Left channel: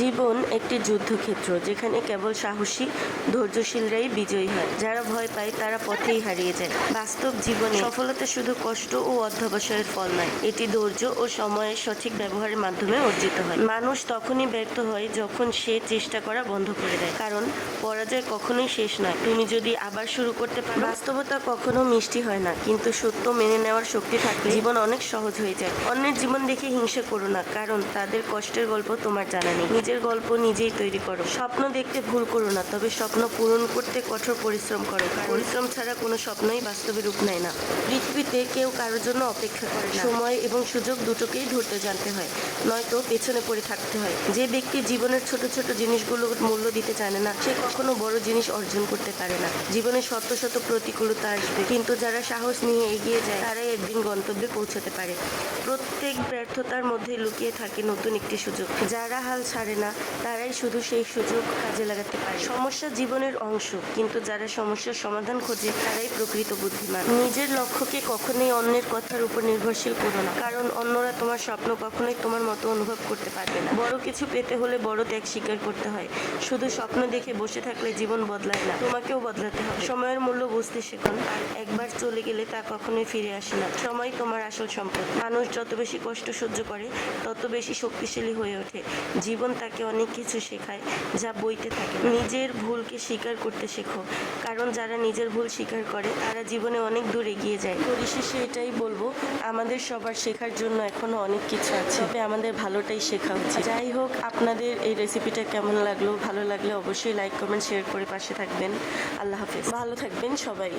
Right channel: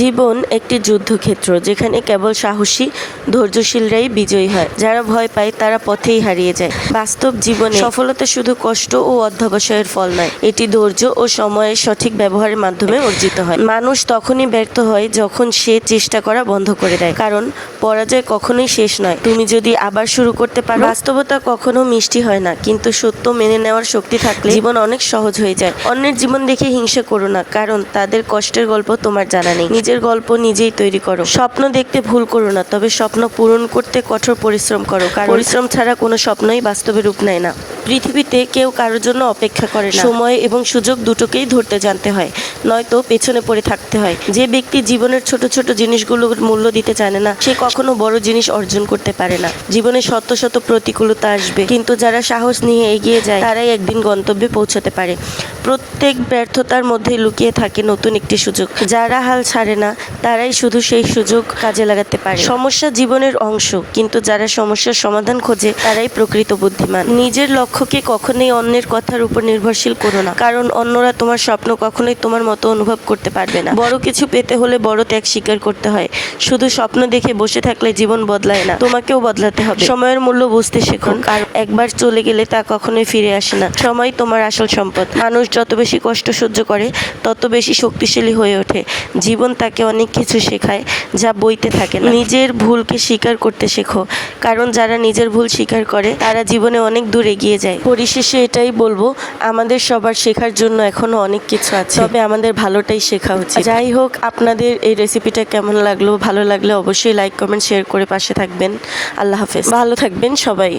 জীবন একটি যুদ্ধক্ষেত্র যেখানে কেবল সাহসী, ধৈর্যশীলরাই বিজয়ী হয়। যারা ভয় পায় তারা পথেই হারিয়ে যায়। বাস্তব জীবনে সফলতা শুধু কষ্ট ও অধ্যবসায়ের ফল নয়, এটি ধৈর্য ও সময়ের সঠিক ব্যবহারের মাধ্যমে অর্জিত হয়। মানুষ তখনই ব্যর্থ হয় যখন সে চেষ্টা করা বন্ধ করে দেয়। কারণ পরাজয় কখনোই শেষ নয়। তুমি যদি আবার শুরু করতে পারো বাস্তবতা কখনো মিষ্টি হয় না। কিন্তু সত্য মেনে নেওয়ার শক্তি থাকলে জীবন অনেক সহজ হয়ে যায়। অন্যের জীবন দেখে হিংসা করো না কারণ তাদের কষ্টের গল্প তোমার জানা নেই। নিজের গল্প নিজেই তৈরি করো। স্বপ্ন দেখতে ভুল করো না তবে স্বপ্ন পূরণ করতে কঠোর পরিশ্রম করো। কারণ পরিশ্রম ছাড়া কোনো স্বপ্নই বাস্তবে রূপ নেয় না। পৃথিবীতে কেউ কারোর জন্য অপেক্ষা করে না। সময় এবং সুযোগ দুটোকেই ধরতে জানতে হয় নয়তো পেছনে পড়ে থাকতে হয়। যে ব্যক্তি জীবনের ছোট ছোট জিনিসগুলোর মূল্য দিতে জানে না সে কখনো বড় জিনিস অর্জন করতে পারে না। জীবনে শত শত প্রতিকূলতা আসবে। কিন্তু যারা সাহস নিয়ে এগিয়ে যায়, তারাই একদিন গন্তব্যে পৌঁছাতে পারে। প্রত্যেক ব্যর্থতার মধ্যে লুকিয়ে থাকে নতুন একটি সুযোগ। যারা হাল ছাড়ে না, তারাই শুধু সেই সুযোগ কাজে লাগাতে পারে। সমস্যা জীবনের অংশ। কিন্তু যারা সমস্যার সমাধান খোঁজে, তারাই প্রকৃত বুদ্ধিমান। নিজের লক্ষ্যকে কখনোই অন্যের কথার উপর নির্ভরশীল করো না। কারণ অন্যরা তোমার স্বপ্ন কখনোই তোমার মতো অনুভব করতে পারবে না। বড় কিছু পেতে হলে বড় ত্যাগ স্বীকার করতে হয়। শুধু স্বপ্ন দেখে বসে থাকলে জীবন বদলায় না। তোমাকেও বদলাতে হবে। সময়ের মূল্য বুঝতে শেখো কারণ একবার চলে গেলে তা কখনোই ফিরে আসে না। সময় তোমার আসল সম্পদ। মানুষ যত বেশি কষ্ট সহ্য করে, তত বেশি শক্তিশালী হয়ে ওঠে। জীবন তাকে অনেক কিছু শেখায় যা বইতে থাকে নিজের ভুলকে স্বীকার করতে শেখো। কারণ যারা নিজের ভুল স্বীকার করে, তারা জীবনে অনেক দূর এগিয়ে যায়। পরিশেষে এটাই বলব, আমাদের সবার শেখার জন্য এখনও অনেক কিছু আছে। তবে আমাদের ভালোটাই শেখা উচিত। যাই হোক, আপনাদের এই রেসিপিটা কেমন লাগল, ভালো লাগলে অবশ্যই লাইক কমেন্ট শেয়ার করে পাশে থাকবেন। আল্লাহ হাফেজ। ভালো থাকবেন সবাই।